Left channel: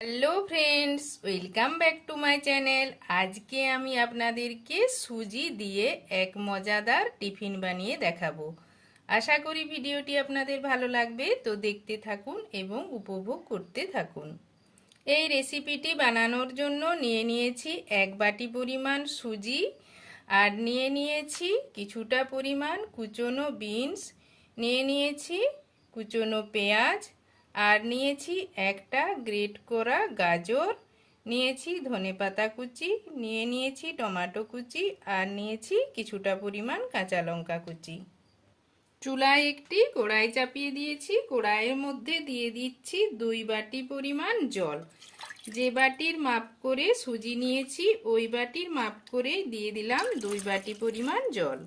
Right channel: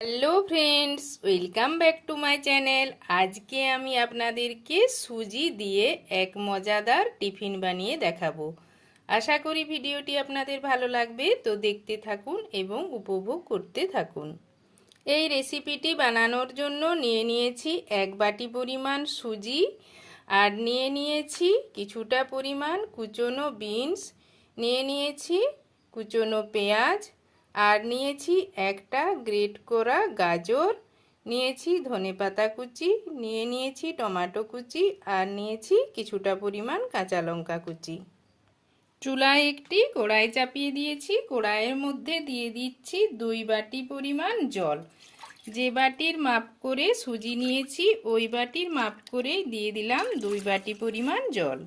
Hello friends, welcome back to my channel. আজকে আমি আপনাদেরকে সুজি দিয়ে এক মজাদার টিফিন বানিয়ে দেখাবো। আশা করি ভিডিওটি আপনাদের ভালো লাগবে, তো দেখতে থাকুন এবং উপভোগ করতে থাকুন। এই রেসিপিটি বানানোর জন্য নিয়ে নিয়েছি 1 বাটি পরিমাণ সুজি, আর নিয়ে নিয়েছি কিছুটা পরিমাণ কুচনো বিনস, নিয়ে নিয়েছি কুচনো পেঁয়াজ, আর নিয়েছি একটা গ্রেট করা গাজর, নিয়েছি ধনেপাতা কুচি, নিয়ে নিয়েছি টমেটো কুচি, আর নিয়েছি কিছুটা পরিমাণ কাঁচা লঙ্কা কুচি। চুলায় একটি কড়াই চাপিয়ে দিয়েছি। কড়াইয়ের মধ্যে দিয়ে দিচ্ছি 2 বাটি পরিমাণ জল। যে বাটির মাপ করে সুজি নিয়েছি ওই বাটির মাপ করে দিয়ে দিলাম 2 বাটি পরিমাণ জল।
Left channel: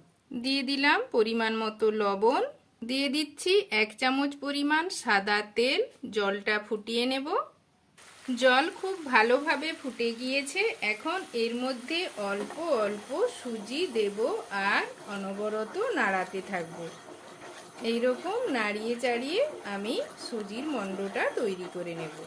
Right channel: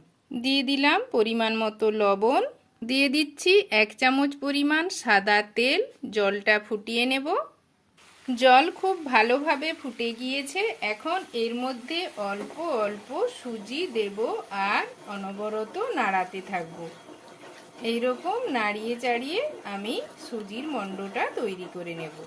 দিয়ে দিলাম পরিমাণ মতো লবণ, দিয়ে দিচ্ছি 1 চামচ পরিমাণ সাদা তেল। জলটা ফুটিয়ে নেব। জল খুব ভালোভাবে ফুটে গিয়েছে। এখন এর মধ্যে অল্প অল্প সুজি দেব আর অনবরত নাড়াতে থাকব। এইরকম নাড়িয়ে চাড়িয়ে আমি সুজির মণ্ডটা তৈরি করে নেব।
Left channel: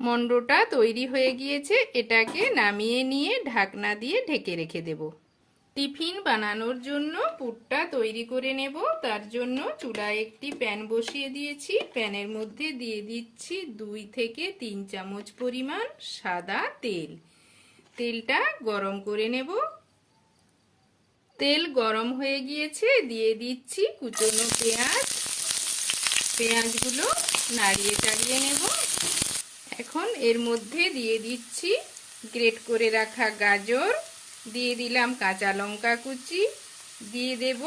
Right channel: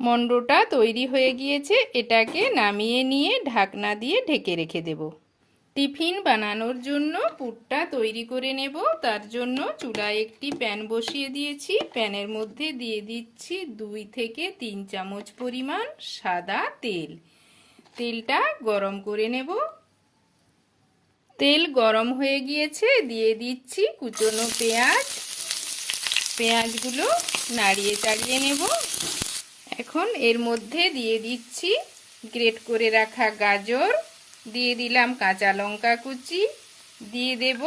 মণ্ডটা তৈরি হয়ে গিয়েছে। এটাকে নামিয়ে নিয়ে ঢাকনা দিয়ে ঢেকে রেখে দেব। টিফিন বানানোর জন্য পুরটা তৈরি করে নেব। তার জন্য চুলায় একটি প্যান বসিয়ে দিয়েছি। প্যানের মধ্যে দিয়ে দিচ্ছি 2 থেকে 3 চামচ পরিমাণ সাদা তেল। তেলটা গরম করে নেব। তেল গরম হয়ে গিয়েছে, দিয়ে দিচ্ছি কুচনো পেঁয়াজ। পেঁয়াজগুলো নাড়িয়ে চাড়িয়ে নেব। এখন এর মধ্যে দিয়ে দিচ্ছি গ্রেট করে রাখা গাজর, দিয়ে দিলাম কাঁচা লঙ্কা কুচি, দিয়ে দেব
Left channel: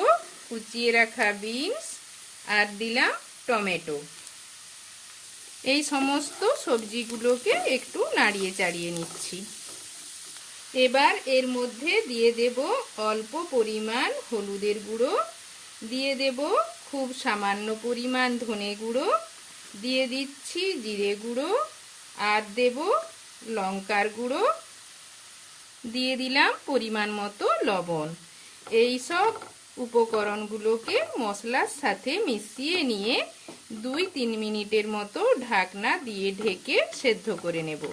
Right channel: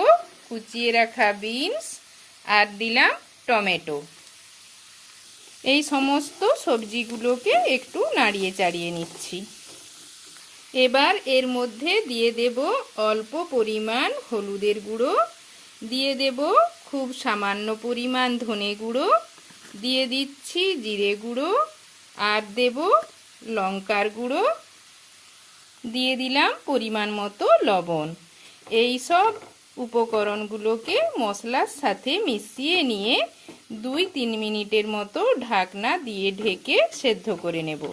কুচিয়ে রাখা বিনস, আর দিলাম টমেটো। এই সমস্ত সবজিগুলোকে একটু নাড়িয়ে চাড়িয়ে নিচ্ছি। এবার এর মধ্যে দিয়ে দেব অল্প পরিমাণ হলুদের গুঁড়ো, দিয়ে দেব খুব সামান্য পরিমাণ ধনে গুঁড়ো, দিয়ে দিচ্ছি জিরে গুঁড়ো, আর দেব লঙ্কার গুঁড়ো, দিয়ে দিলাম পরিমাণ মতো লবণ। এই সব উপকরণগুলোকে মশলার সাথে মিশিয়ে নিয়ে 2-3 মিনিটের মতো ঢাকনা দিয়ে ঢেকে সেদ্ধ করে নেব।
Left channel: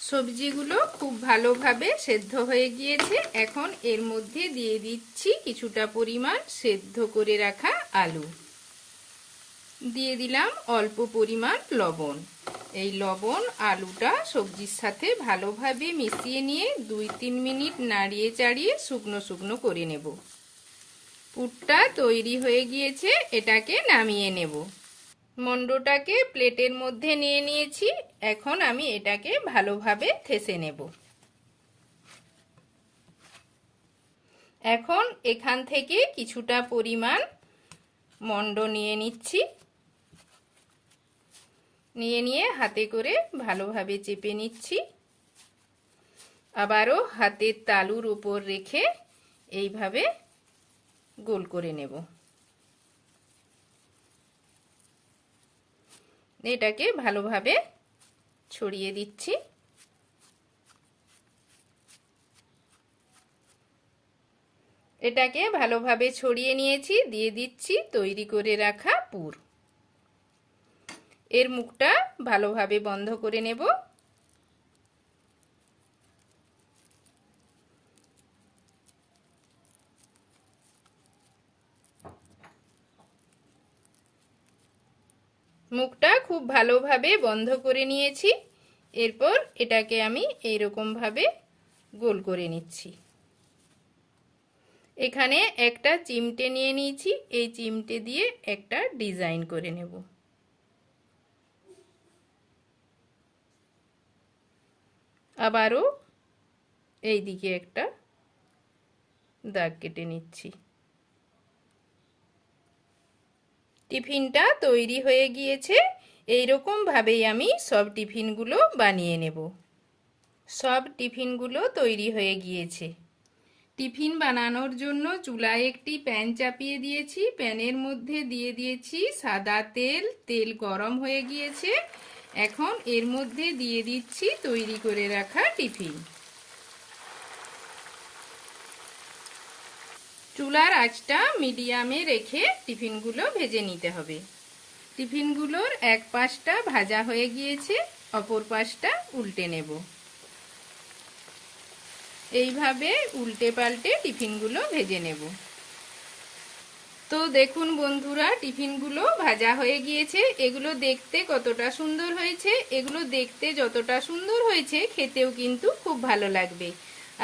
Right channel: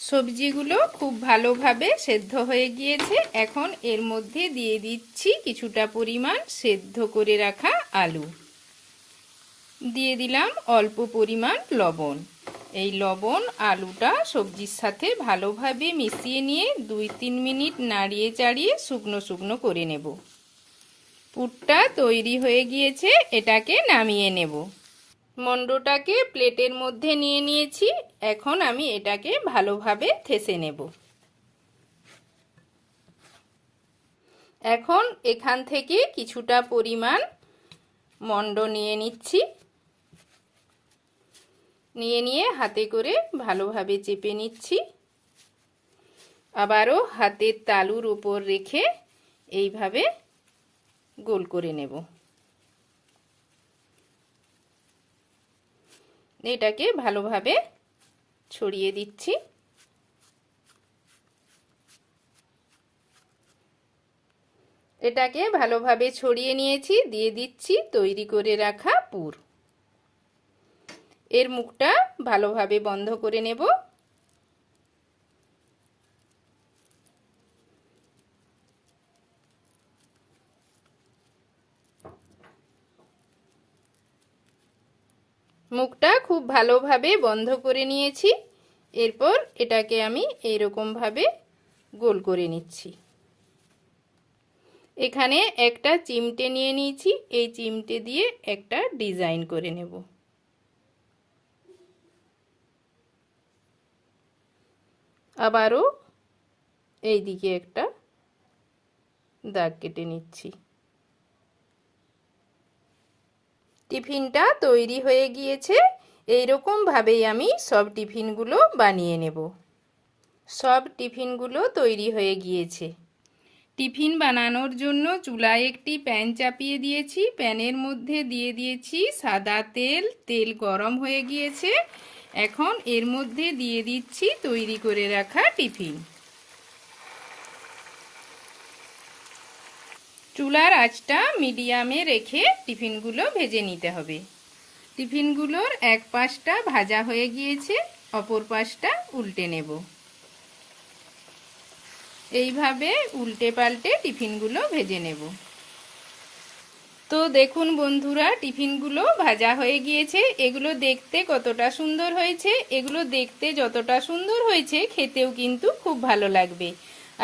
সবজিগুলো খুব ভালোভাবে সেদ্ধ হয়ে গিয়েছে। এখন এর মধ্যে দিয়ে দিচ্ছি কিছুটা পরিমাণ সেদ্ধ করে রাখা আলু, দিয়ে দিলাম অল্প পরিমাণ লবণ। এই লবণ আলুটা সবজির সাথে ভালোভাবে মিশিয়ে নিয়ে 2-3 মিনিট নাড়িয়ে চাড়িয়ে শুকনো শুকনো করে নেব। পুরটা তৈরি হয়ে গিয়েছে, এটাকে নামিয়ে নেব। মণ্ডটাকে প্লেটের মধ্যে নিয়ে নিয়েছি। এখন আমি এটাকে ভালোভাবে ঠেসে নেব। এখন এখান থেকে কিছুটা পরিমাণ মণ্ড নিয়ে নিচ্ছি। নিয়ে হাতে করে ভালোভাবে চেপে নিচ্ছি। আবারও হাতের তালুর উপর রেখে এইভাবে গোল করে নেব। এটাকে ভালোভাবে ছড়িয়ে দিচ্ছি। এটাকে ভালোভাবে ছড়িয়ে নিয়েছি। দিয়ে দিচ্ছি তৈরি করে রাখা পুর। এর মুখটা ভালোভাবে বন্ধ করে নেব। মুখটা খুব ভালোভাবে বন্ধ করে নিয়েছি। এরপর এটাকে আমি এইরকমভাবে গোল করে নিচ্ছি। এখানে একটা চিমটে নিয়ে নিয়েছি। এই চিমটে দিয়ে একটা ডিজাইন করে নেব। আবারও এই দিকে একটা দাগ কেটে নিচ্ছি। টিফিনটা তৈরি হয়ে গিয়েছে। এইরকম ভাবেই আমি সব টিফিনগুলো বানিয়ে নেব। সব টিফিনগুলো তৈরি হয়ে গিয়েছে। টিফিন বানানোর জন্য চুলায় একটি প্যান চাপিয়ে দিয়েছি। প্যানের মধ্যে দিয়ে দিয়েছি সাদা তেল। তেল গরম হয়ে গিয়েছে। এখন এর মধ্যে দিয়ে দিচ্ছি তৈরি করে রাখা টিফিন। চুলার আঁচটা মিডিয়ামে রেখে টিফিনগুলো ভেজে নিতে হবে। টিফিনগুলোর এক পাশটা ভাজা হয়ে গিয়েছে, অপর পাশটা উল্টে নেব। এইভাবে উল্টে পাল্টে টিফিনগুলো ভেজে নেব। তো দেখুন বন্ধুরা, টিফিনগুলো ভাজা হয়ে গিয়েছে। এগুলো দেখতে কতটা সুন্দর হয়েছে। এগুলো দেখতে যতটা সুন্দর হয়েছে খেতেও কিন্তু খুব ভালো লাগবে।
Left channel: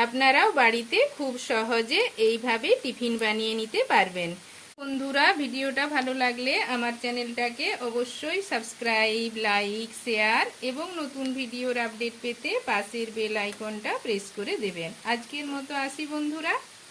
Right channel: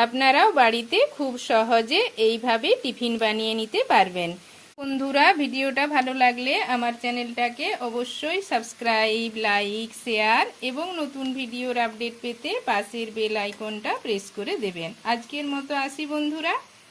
আপনারাও বাড়িতে খুব সহজে এইভাবে টিফিন বানিয়ে নিতে পারবেন। বন্ধুরা, ভিডিওটা ভালো লাগলে আমার চ্যানেলটাকে অবশ্যই সাবস্ক্রাইব, লাইক, শেয়ার এবং নতুন ভিডিওর আপডেট পেতে পাশের বেল আইকনটা প্রেস করে দেবেন। আজকের মতো আসি বন্ধুরা।